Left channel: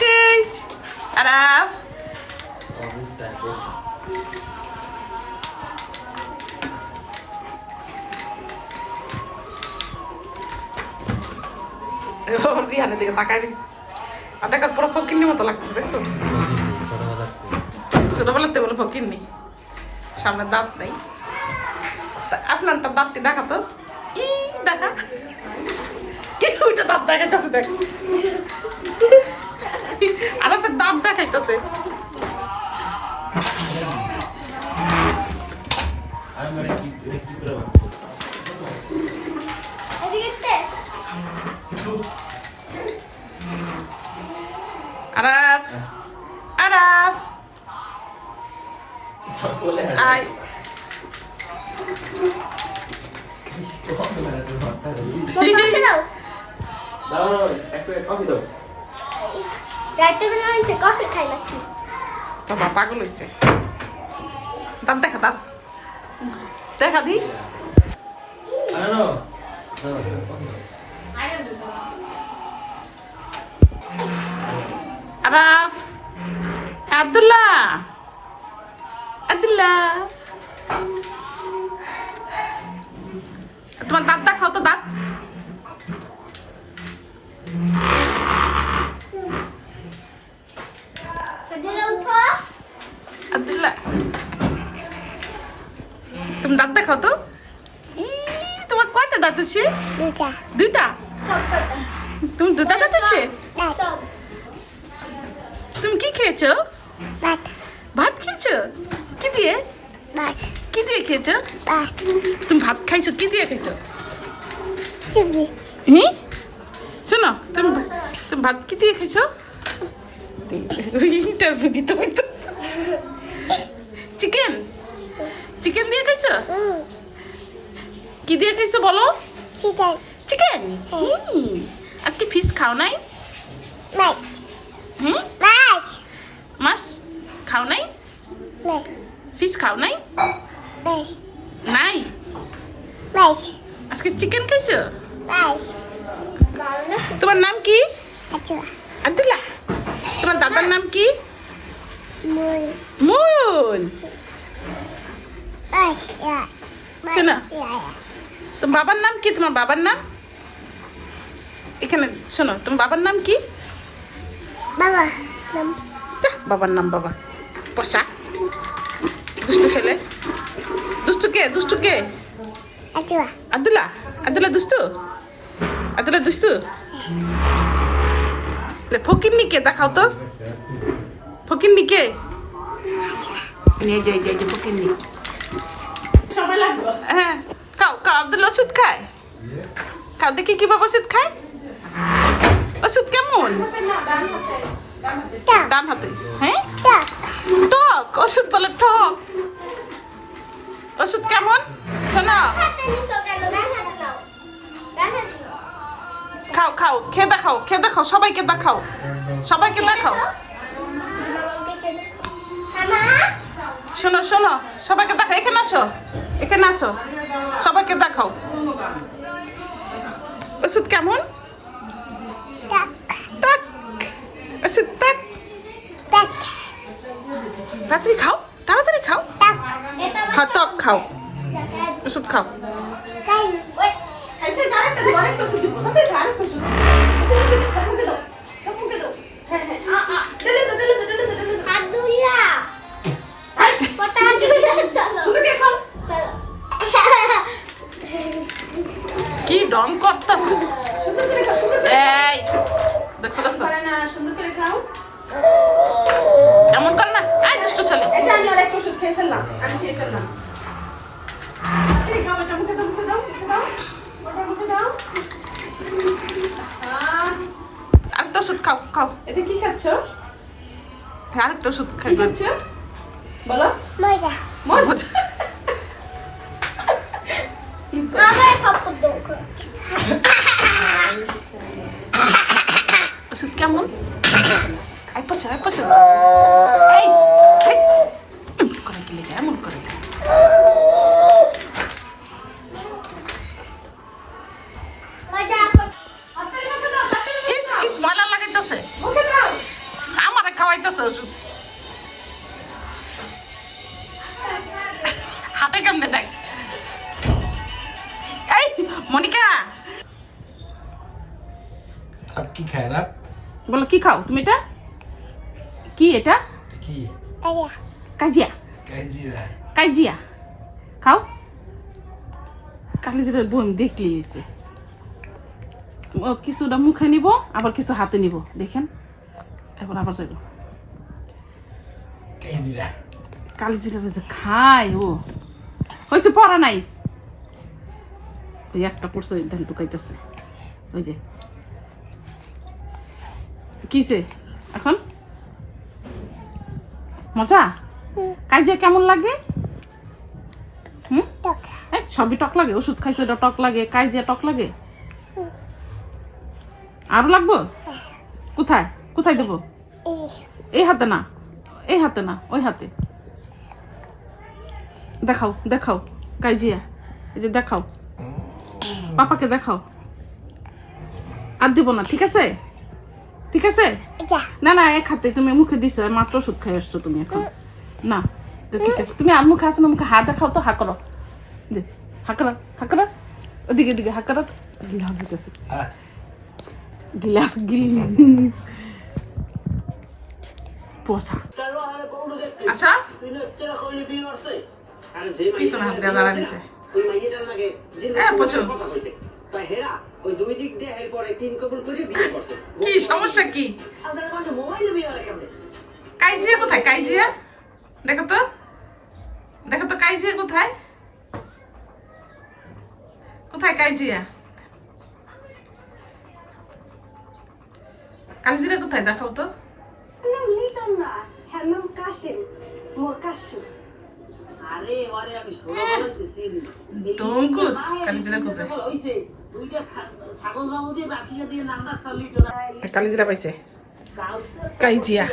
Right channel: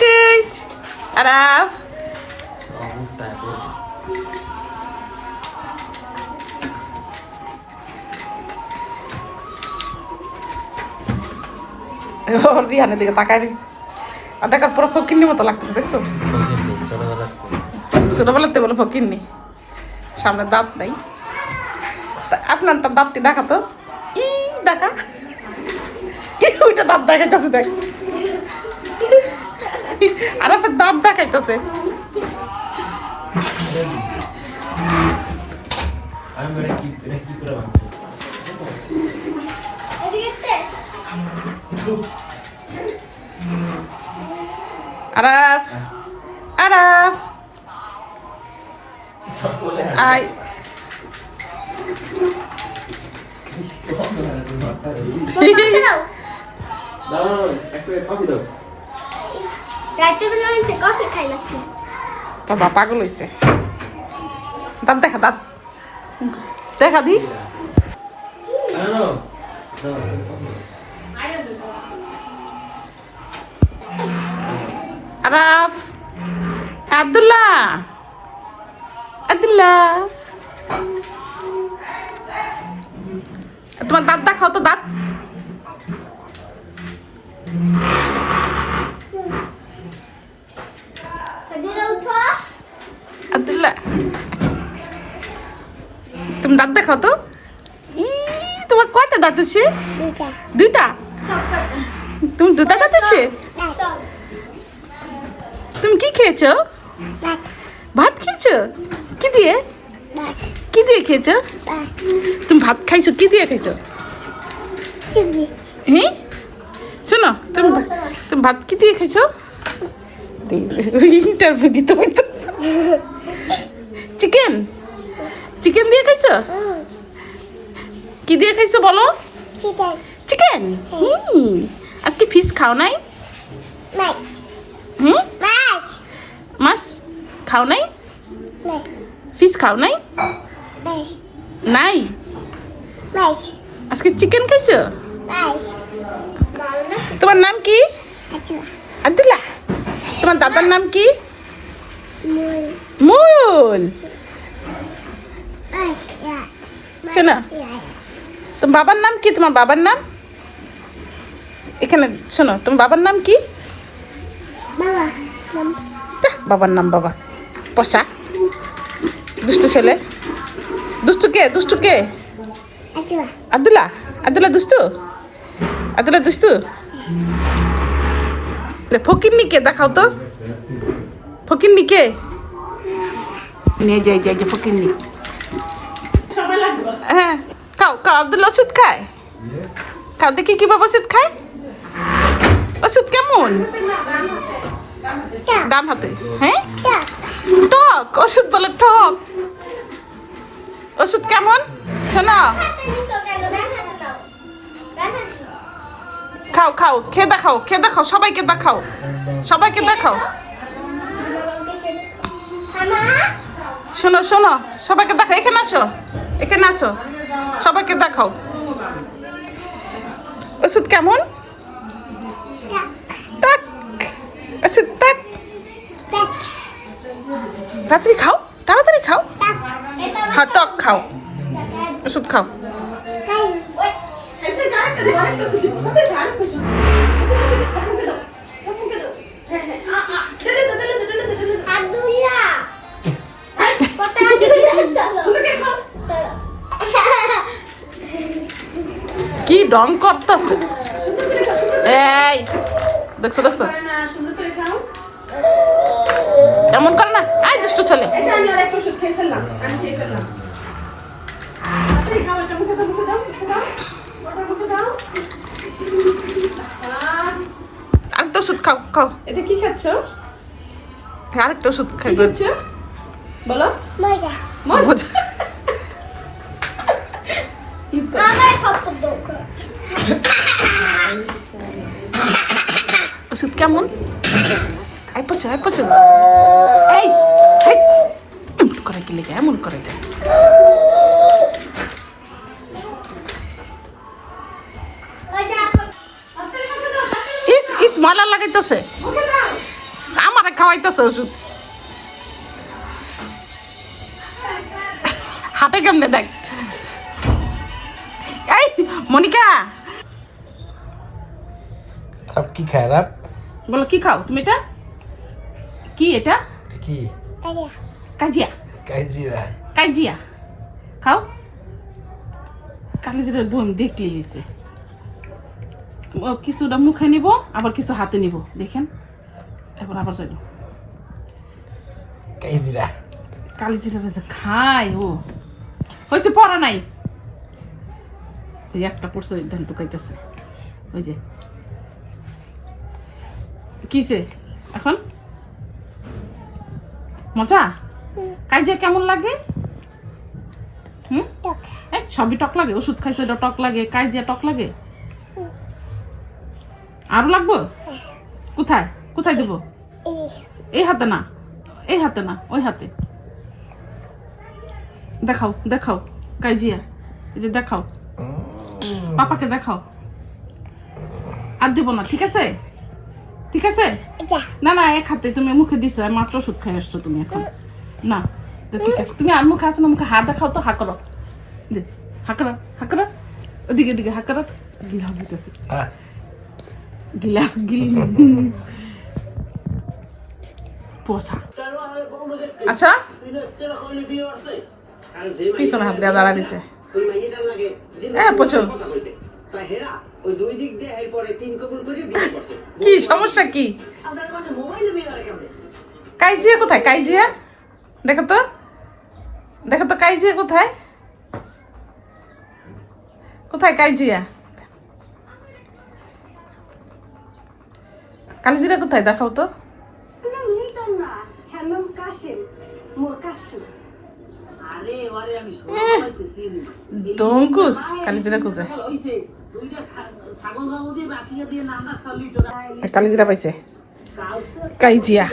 Bagus. Araf. Rihanna দিকে তাকাই দিছে। আর দেখার পুরো ফকিন্নি মতো লাগতেছে দেখছো? ছোটবেলাতে কোনো ফকিন্নি। সামনে দাঁত নাই। আপনার তো দাঁতটি দেখা তো। ই দেখা। কি ওইটা দাঁত দেখাইতেছে দেখ। আর আপনার দাঁত দেখাইতেছে। Araf. Araf. Ay. দাও একটু কফি দাও রাতে বেলা হচ্ছে কফি খাই লাগছে তো বাবা পাগল হইছে দাঁত দেখা দাঁত দেখা দি আনো দাও আরাফ আব্দুল্লাহ আব্দুল্লাহ তোমার দাঁত দেখাও তো দাঁত আব্দুল্লাহ তুমি দাঁত দেখাও তো তোমার কয়টা দাঁত আছে দুইটা তুমি দুটা দাঁত আছে তুমি কি খেয়েছো ভাত খেয়েছো কি দিয়ে খেয়েছো তুমি ভাত খাইছো কি দিয়ে খাইছো শোনো তুমি ভাত কি দিয়ে খাইছো ইন্টারভিউ দিতে হইতো চিকেন দিয়ে খাইছো কি দিয়ে খাইছো বলো চিকেন আজকে ফিশ খাও নাই মাছ খাও নাই ফিশ খাও নাই নাই আজকে চিকেন খাইছো তোমার নাম কি আব্দুল্লাহ তোমার দাদার নাম কি মুন শোনো তোমার বাবার নাম কি তোমার বাবার নাম এখানে শোনো তোমার বাবার নাম কি বাবার নাম বাবা পশা দুষ্টু ছেলে দুষ্টু কে আব্দুল্লাহ দুষ্টু ফকিন্নি কে দেখাও তো ফকিন্নি কে নিয়ে যাই ফকিন্নি হ্যাঁ খাও আব্দুল্লাহ ওষুধ খায় খাও দেখি কি বাবা ওষুধ খায় ওষুধ কেমন ডান হাতে হ্যাঁ টক ওষুধ বলে টক ওষুধ কেমন শোনা খাও খেয়ে দেখাও সবাইকে দেখাও শোনো সবাইকে দেখাও এখানে আসো সবাইকে দেখাও ওষুধ কেমন ওষুধ তাড়াতাড়ি খাও হ্যাঁ টক খাও ওষুধ খাও কি ডং করতেছে এই দেখছো এমন করে না আই দুষ্টু ছেলে আরেকটা ওষুধ খাও এটা কি খাচ্ছ আরেকটা ওষুধ খাই খাচ্ছ বলো মজা ওষুধ কেমন আই পচো এই এমন করে গেলে এমন করে দেয় ইস ময়লা লাগাইতেছে খাওয়াইতেছে ওষুধ হাতে কেমনে দেখ এই মনিকা अब की खाए आप বলো কি খাও তুমি এটা কি এটা की কাজিয়া काजीरा কাজিয়া খাও কালিজিরার বই আমি দেখলি হয়েছে কিছুটা মুখে নিব আবার কিছু হাতে নিব দেখেন এবার আবার যাইব काजीरा কালিজিরা যে খায় ও হয়েছে পড়া নাই ওই একটা পড়ছে ধান টুকাইতেছে ওই যে কিসে এখন মজা কাজিয়া কেমন লাগে হুম সবই টক লাগে ওষুধ খাইছে ওটা টক লাগে কাজিয়া টক লাগে আরো লাগবো কোথায় কোথায় দেবো এই হাতে না এই হাতে না ওই হাতে দেখাও দেখাও কাজিয়া এই যে দেখাও পাপাকে দেখাও আর দেবো না ঠিক আছে ঠিক আছে না না এক হাতে তুমি মুখে দিছো মাত্র ওষুধ খাই আসছো তুমি এখন না তো ঠিক আছে তুমি আর মুখে আসো না মুখে হাত দেখাও তো হা করো হা করো ওদিকে দিকে হা করো গিলা হইতেছে গিলা গিল পোষা আচ্ছা পিছনে হাত দিয়ে দাঁড়া দিছে প্রচুর কি সমস্যা কি কাইজিয়া কোথায় কাইজিয়া দেখো তো কাইজিয়া কোথায় কোথায় কাইজিয়া কালিজিরা কোথায় দেখাও তো দঙ্কুস কালিজিরা কোথায় কালিজিরা পাইছে কাইজিয়া